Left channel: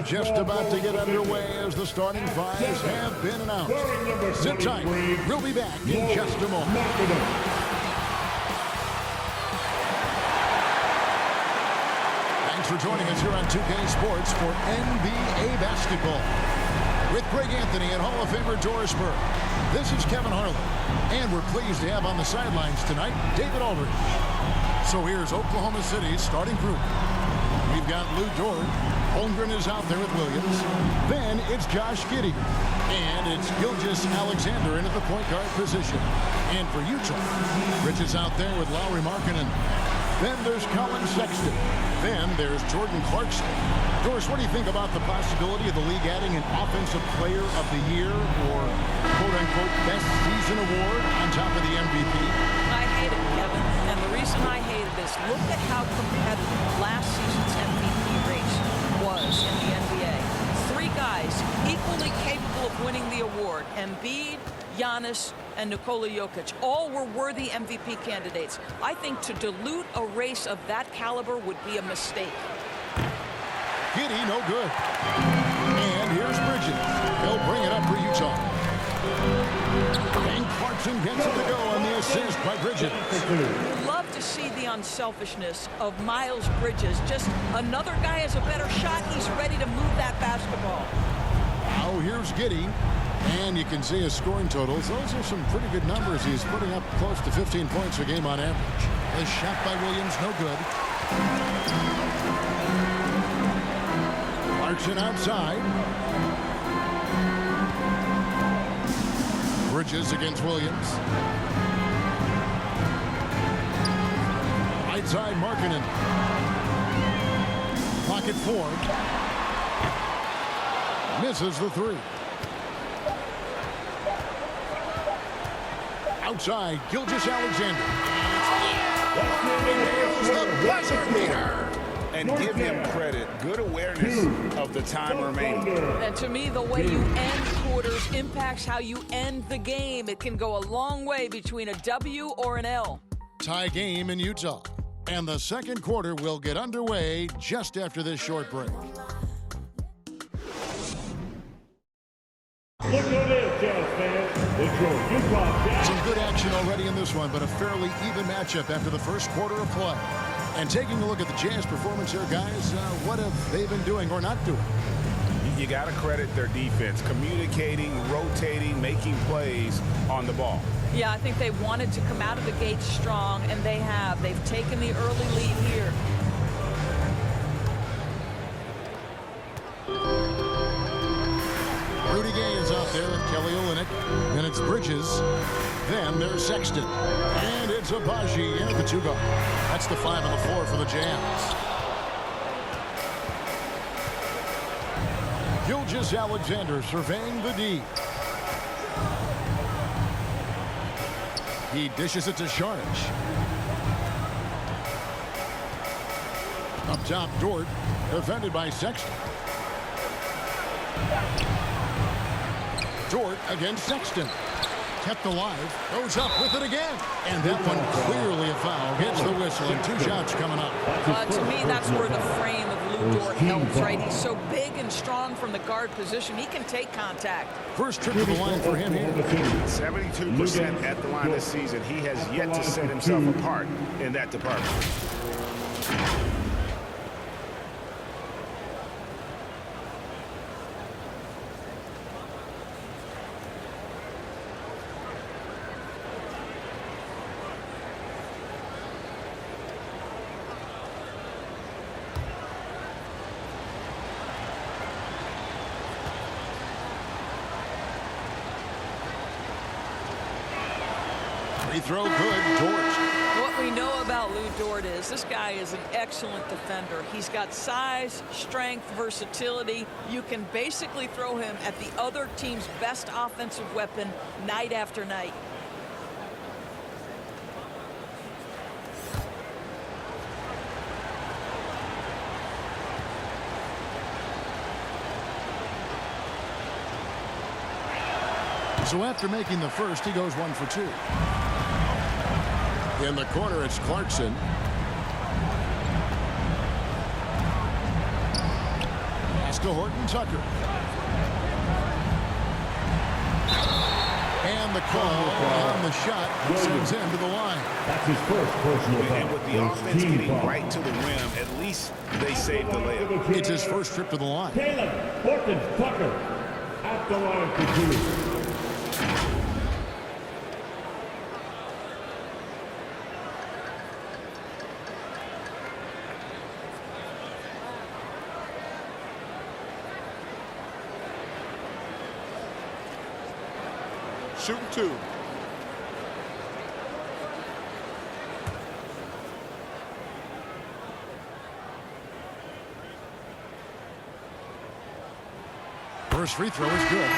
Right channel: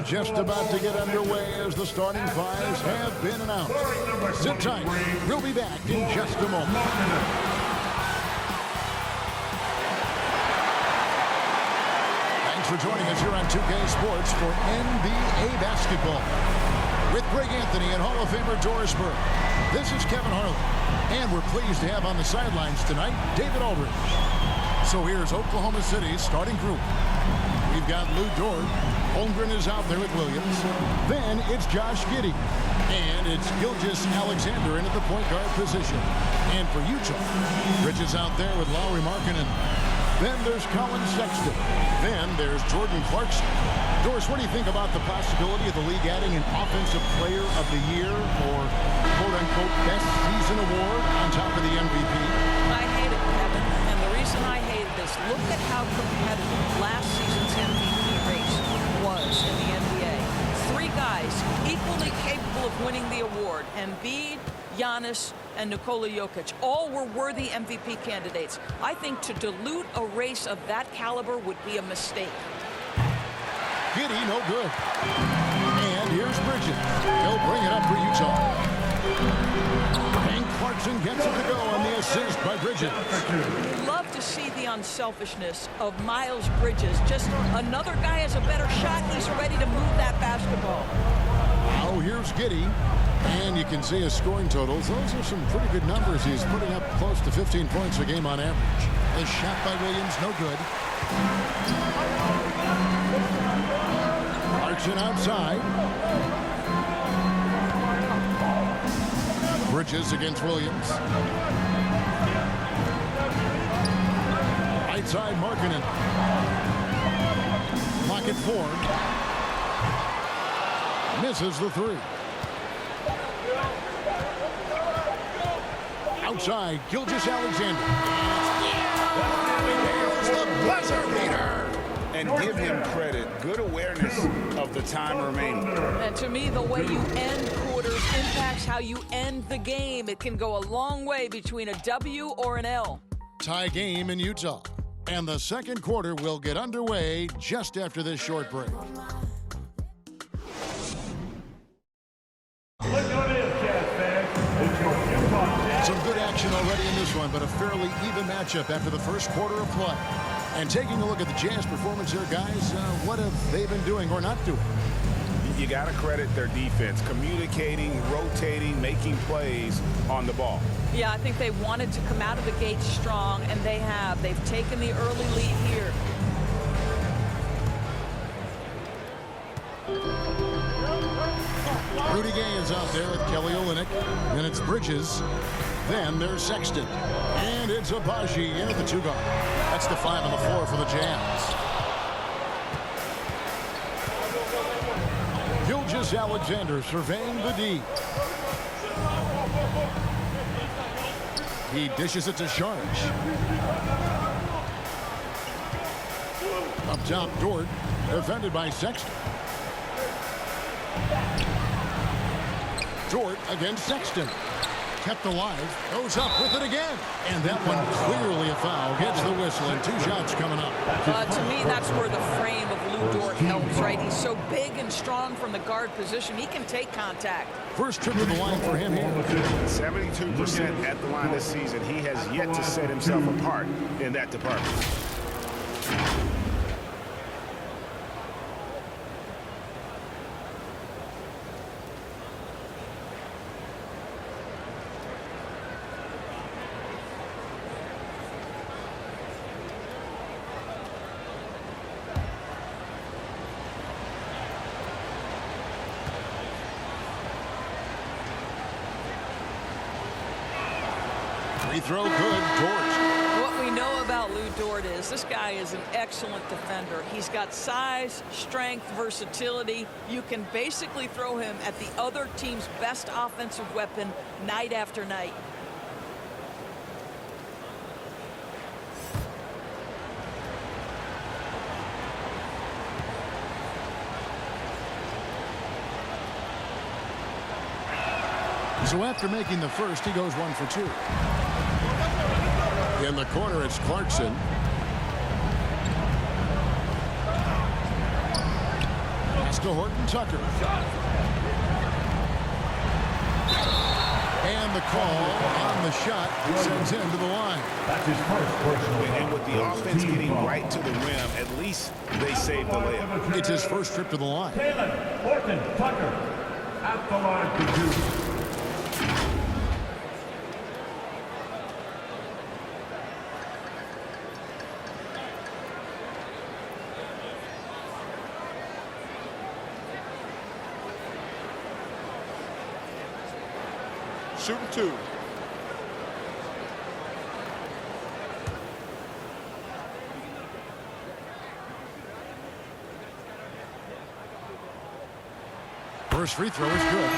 And just about to get underway as the starting fives have been announced. Sit tight. We'll be back in just a moment. Thanks for joining us here on 2K Sports for NBA basketball. With Greg Anthony and Hall of Famer Doris Burke, this is Kevin Harlan. And we're pleased to have on the sidelines tonight, David Aldridge. So here's Oklahoma City's starting group. We've got Lou Dort. Holmgren is out there with Williams. Then it's Josh Giddey. And it's Gilgeous-Alexander in at the point guard position. And for Utah, Bridges out there with Lauri Markkanen. Then there's Colin Sexton. Then there's Jordan Clarkson. Doris, what do you think about the possibility of the league adding an Offensive Player of the Year or quote-unquote best season award on top of the MVP? I hate it, Kevin. And the reason I hate it is look at how competitive last season's MVP race was in the NBA. 3 guys equally capable of winning the award. Embiid, Giannis, and Nikola Jokic. All were worthy MVP candidates. I think to dilute a race of that caliber would be a mistake. Giddey, no good. And here's Bridges. He'll bring it up for Utah. And Clarkson gets it to go on the assist by Bridges. You love to see the unselfishness of Miles Bridges. Just another guy has a better shot. He's ready to move that basketball. Now here's Giddey. And you can see his scoring totals. Those are some pretty good numbers. He's putting up close to 15 points a game on average. The shot by Williams, no good. Clarkson outside. Bridges against Williams. Right side, Markkanen. Pocket 4. Misses the 3. Outside, Gilgeous-Alexander. Nails the buzzer beater. And give him credit. Good awareness of the time remaining. And to me, the way you end quarters impacts how you end the game. It can go a long way between a W or an L. Tie game in Utah. And the second quarter will get underway just after this short break. Look at this, Jazz fans. It's your Utah Jazz. Some good action already in this one, but a fairly even matchup after the first quarter of play. And taking a look at the Jazz performance here, guys, what have they been doing or not doing? You got to credit their defense, communicating, rotating, making plays on the ball. Yeah, I think they wanted to come out of the gate strong, and they have. They've taken the early lead here. Rudy Gay is out there with Kelly Olynyk. Then it's Bridges. Then there's Sexton. And it's Abaji in at the 2 guard. That's the 5 on the floor for the Jazz. Gilgeous-Alexander surveying the D. He dishes it to Sharge. Up top, Dort, defended by Sexton. Dort against Sexton. Kept alive, goes up with it again. And that one clearly a foul. Gets the whistle and 2 shots coming up. To me, that's where the frame of Lou Dort helps, right? He's so big and strong from the guard position. He can take contact. First trip to the line for him here. 72% at the line this season. He has yet to set himself apart in that department. Free throw good, Dort. What we know about Lou Dort is this guy is an excellent defender. He's got size, strength, versatility. You can basically throw him at the other team's best offensive weapon night after night. So after making the first, he goes 1 for 2. In the corner, it's Clarkson. Pass to Horton Tucker. And the call on the shot sends him to the line. That's his first personal foul. And with the offense getting right to the rim, at least they saved the layup. It's his first trip to the line. Horton Tucker at the line for two. Shooting two. First free throw is good.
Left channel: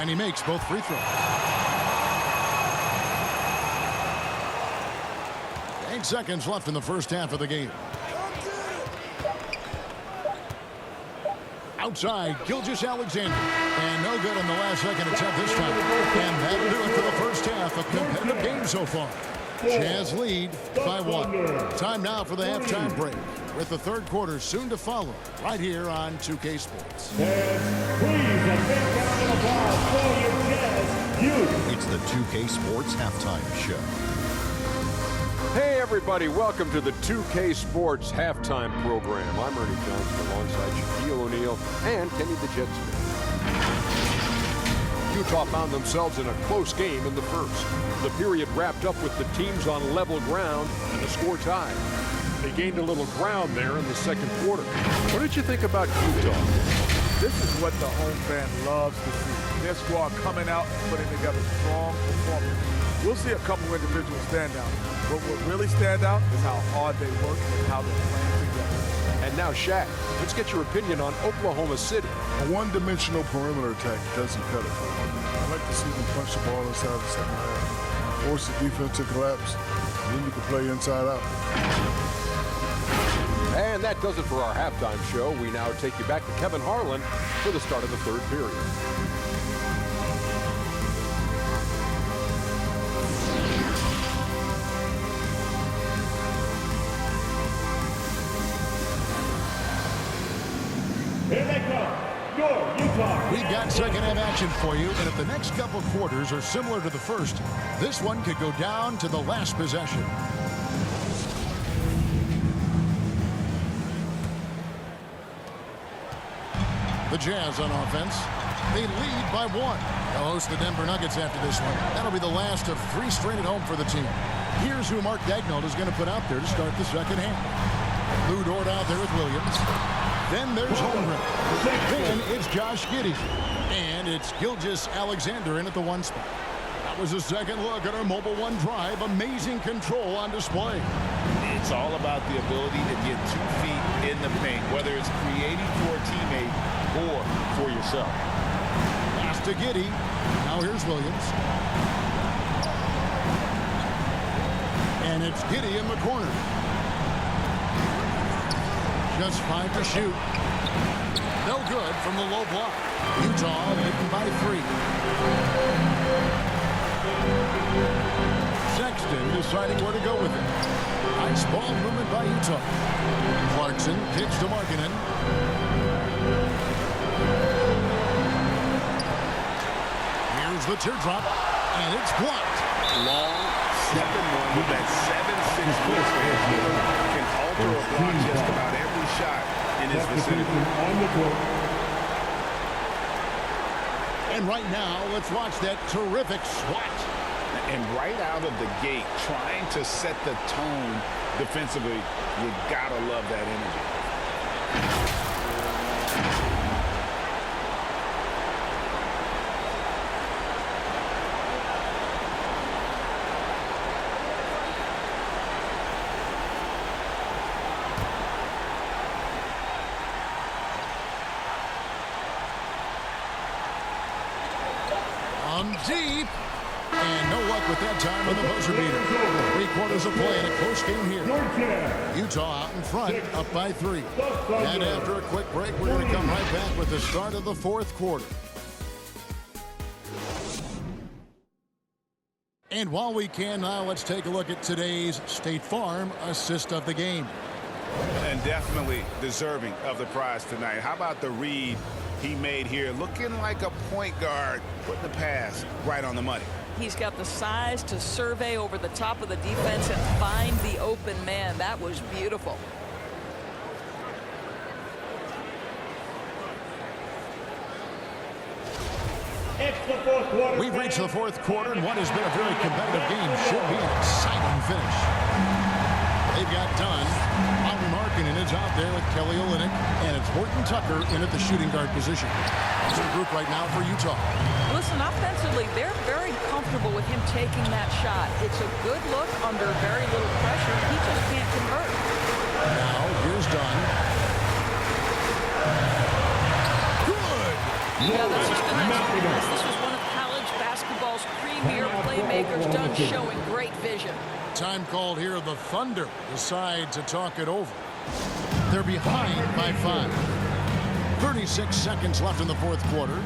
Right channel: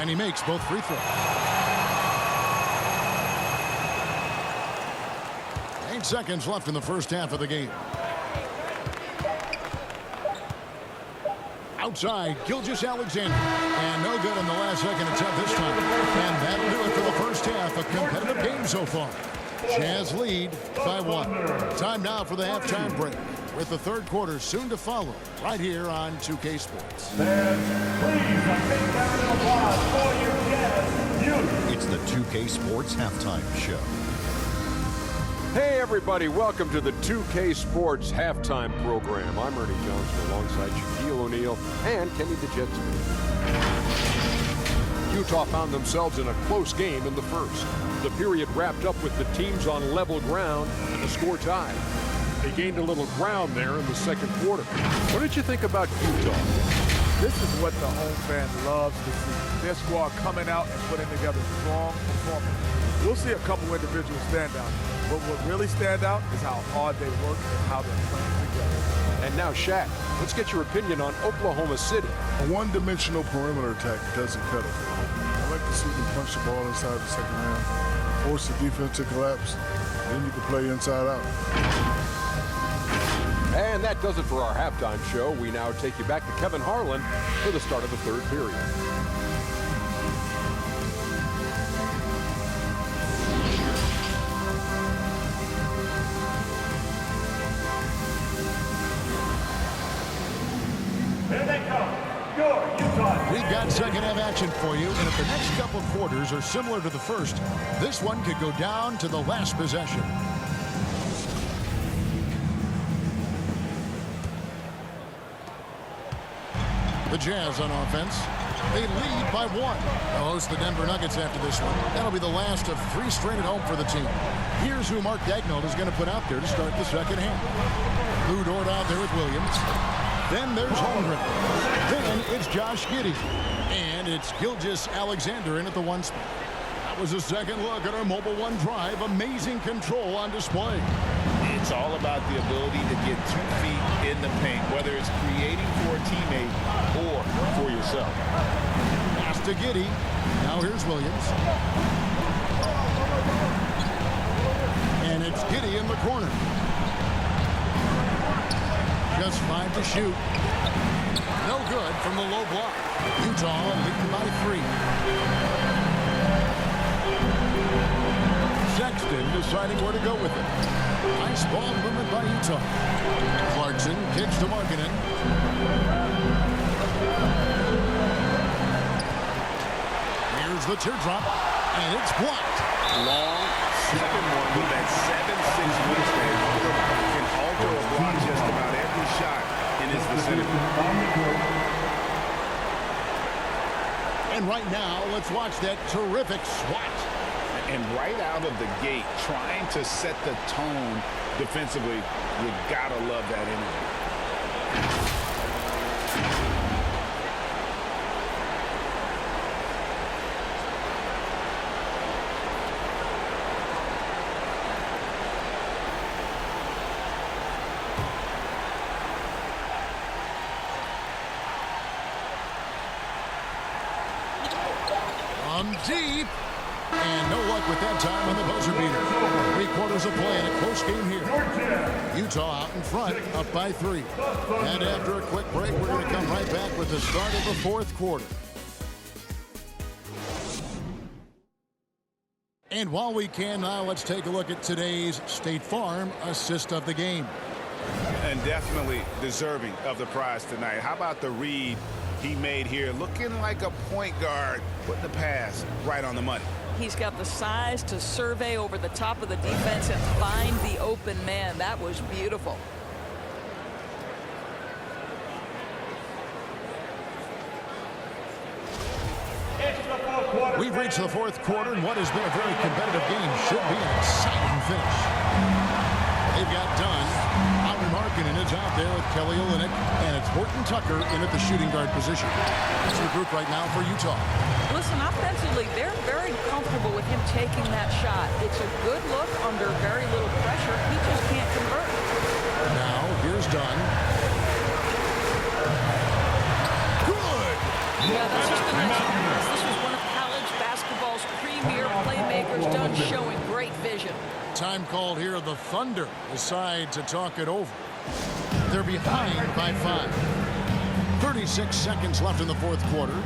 And he makes both free throws. 8 seconds left in the first half of the game. Outside, Gilgeous-Alexander. And no good on the last second attempt this time. And that'll do it for the first half. A competitive game so far. Jazz lead by 1. Time now for the halftime break, with the third quarter soon to follow, right here on 2K Sports. And please, a big round of applause for your Jazz youth. It's the 2K Sports Halftime Show. Hey everybody, welcome to the 2K Sports Halftime Program. I'm Ernie Johnson alongside Shaquille O'Neal and Kenny the Jet Smith. Utah found themselves in a close game in the first. The period wrapped up with the teams on level ground and the score tied. They gained a little ground there in the second quarter. What did you think about Utah? This is what the home fan loves to see. Their squad coming out and putting together strong performance. We'll see a couple individual standouts, but what really stand out is how hard they work and how they're playing together. And now, Shaq, let's get your opinion on Oklahoma City. A one-dimensional perimeter attack doesn't cut it for them. I like to see them punch the ball inside the second half, force the defense to collapse, and then you can play inside out. And that does it for our halftime show. We now take you back to Kevin Harlan for the start of the third period. Here they come. Your Utah. We've got second half action for you, and if the next couple quarters are similar to the first, this one could go down to the last possession. The Jazz on offense. They lead by 1. They'll host the Denver Nuggets after this one. That'll be the last of 3 straight at home for the team. Here's who Mark Daigneault is going to put out there to start the second half. Lou Dort out there with Williams. Then there's Holmgren. Then it's Josh Giddey. And it's Gilgeous-Alexander in at the 1 spot. That was a second look at our Mobile 1 drive. Amazing control on display. It's all about the ability to get 2 feet in the paint, whether it's creating for a teammate or for yourself. Pass to Giddey. Now here's Williams. And it's Giddey in the corner. Just 5 to shoot. No good from the low block. Utah leading by 3. Sexton deciding where to go with it. Nice ball movement by Utah. Clarkson kicks to Markkanen. Here's the teardrop, and it's blocked. Long 7-1 with that 7'6" wingspan. Can alter a block just about every shot in his vicinity. On the court. And right now, let's watch that terrific swat. And right out of the gate, trying to set the tone defensively, you gotta love that energy. From deep. And no luck with that time on the buzzer beater. 3 quarters of play in a close game here. Utah out in front, up by 3. And after a quick break, we're going to come right back with the start of the 4th quarter. And while we can now, let's take a look at today's State Farm assist of the game. And definitely deserving of the prize tonight. How about the read he made here? Looking like a point guard, putting the pass right on the money. He's got the size to survey over the top of the defense and find the open man. That was beautiful. It's the 4th quarter. We've reached the 4th quarter, and what has been a very competitive game should be an exciting finish. They've got Dunn. Audrey Markkanen is out there with Kelly Olynyk, and it's Horton Tucker in at the shooting guard position. That's the group right now for Utah. Listen, offensively, they're very comfortable with him taking that shot. It's a good look under very little pressure. He just can't convert. Now, here's Dunn. Good! Yeah, that's just a nice pass. This was one of college basketball's premier playmakers. Dunn showing great vision. Time called here. The Thunder decide to talk it over. They're behind by 5. 36 seconds left in the 4th quarter.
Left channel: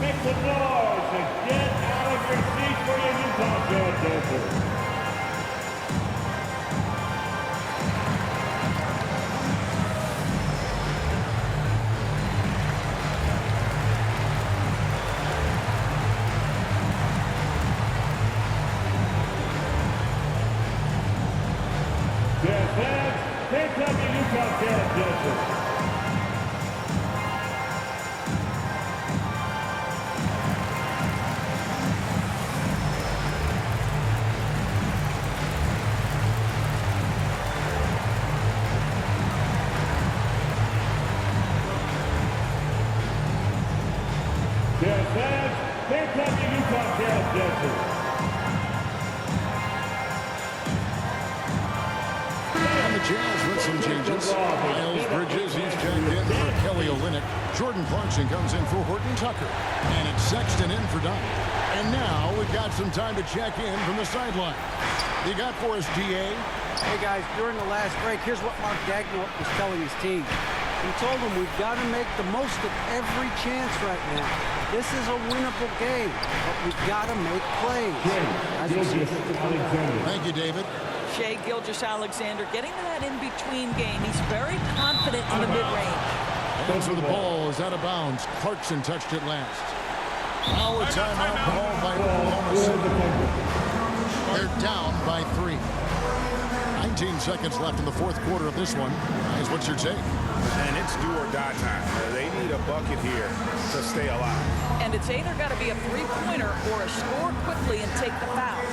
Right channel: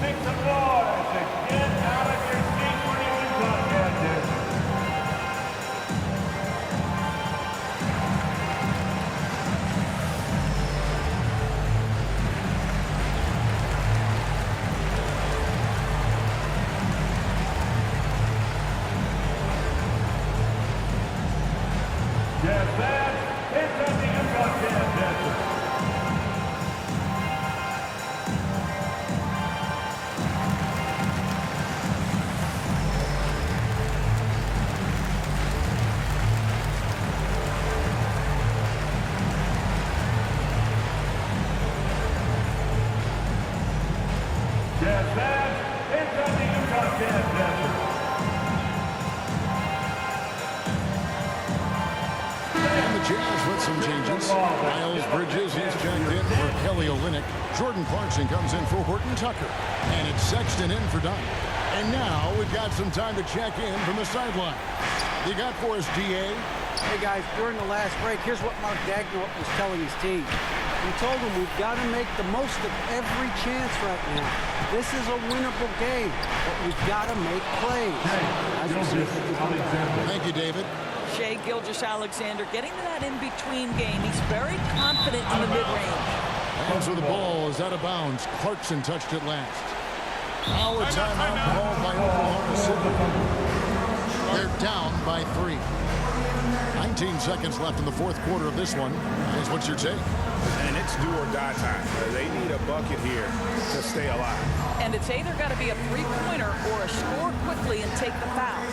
Make some noise and get out of your seat for your Utah Jazz dancers. Jazz fans, hands up the Utah Jazz dancers. Jazz fans, hands up the Utah Jazz dancers. And the Jazz with some changes. Miles Bridges, he's checked in for Kelly Olynyk. Jordan Clarkson comes in for Horton Tucker. And it's Sexton in for Dunn. And now we've got some time to check in from the sideline. You got for us, DA? Hey guys, during the last break, here's what Mark Dagnall was telling his team. He told them we've got to make the most of every chance right now. This is a winnable game, but we've got to make plays. Thank you, David. Shai Gilgeous-Alexander getting to that in-between game. He's very confident in the mid-range. And so the ball is out of bounds. Clarkson touched it last. Now a timeout called by Oklahoma City. They're down by 3. 19 seconds left in the 4th quarter of this one. Guys, what's your take? And it's do or die time. They need a bucket here to stay alive. And it's either got to be a three-pointer or a score quickly and take the foul.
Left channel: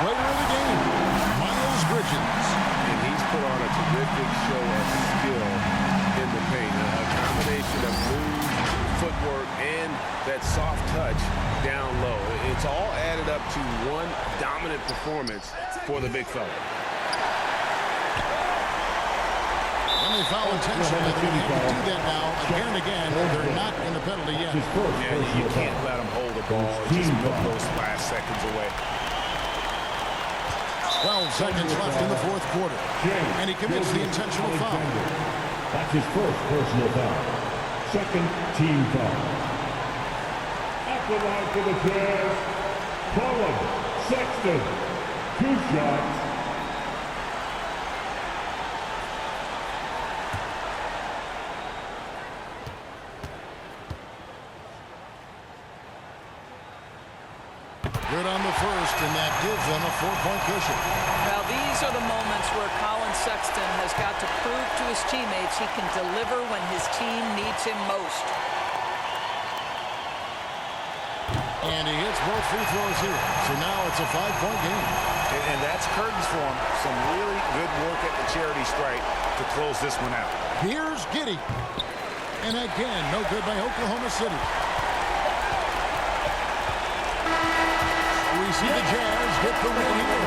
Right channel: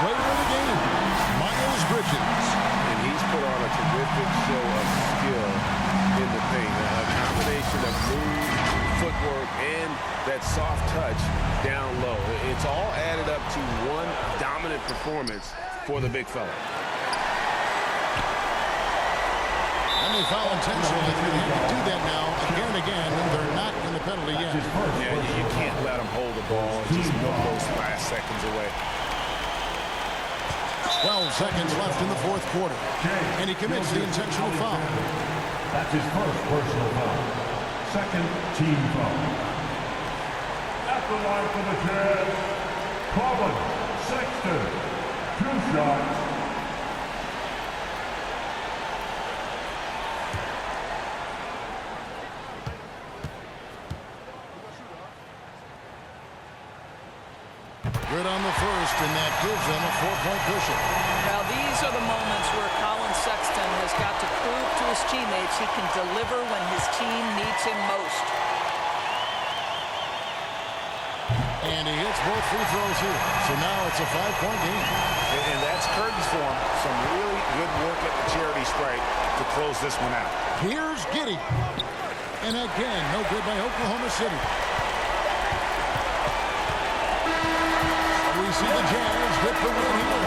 player of the game, Miles Bridges. And he's put on a terrific show of skill in the paint. A combination of move, footwork, and that soft touch down low. It's all added up to one dominant performance for the big fella. And they foul intentionally. They're going to have to do that now again and again. They're not in the penalty yet. Yeah, you can't let them hold the ball and just milk those last seconds away. 12 seconds left in the fourth quarter. And he commits the intentional foul. That's his first personal foul. Second team foul. At the line for the Jazz, Colin Sexton. 2 shots. Good on the first, and that gives them a 4-point cushion. Well, these are the moments where Colin Sexton has got to prove to his teammates he can deliver when his team needs him most. And he hits both free throws here. So now it's a 5-point game. And that's curtains for him. Some really good work at the charity stripe to close this one out. Here's Giddey. And again, no good by Oklahoma City. We see the Jazz get the win here.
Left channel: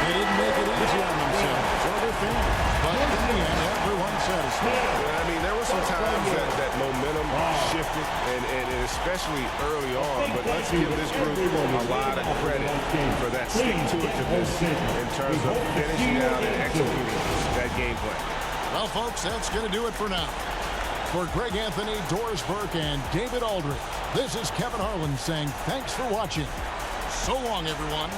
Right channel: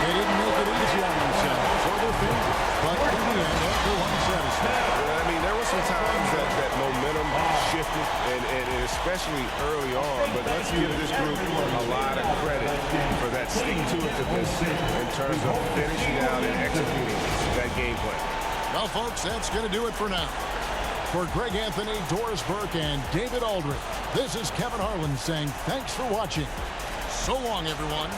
They didn't make it easy on themselves or their fans, but in the end, everyone's satisfied. I mean, there were some times that momentum shifted, and especially early on, but let's give this group a lot of credit for that stick-to-itiveness in terms of finishing out and executing that game plan. Well, folks, that's going to do it for now. For Greg Anthony, Doris Burke, and David Aldridge, this is Kevin Harlan saying thanks for watching. So long, everyone.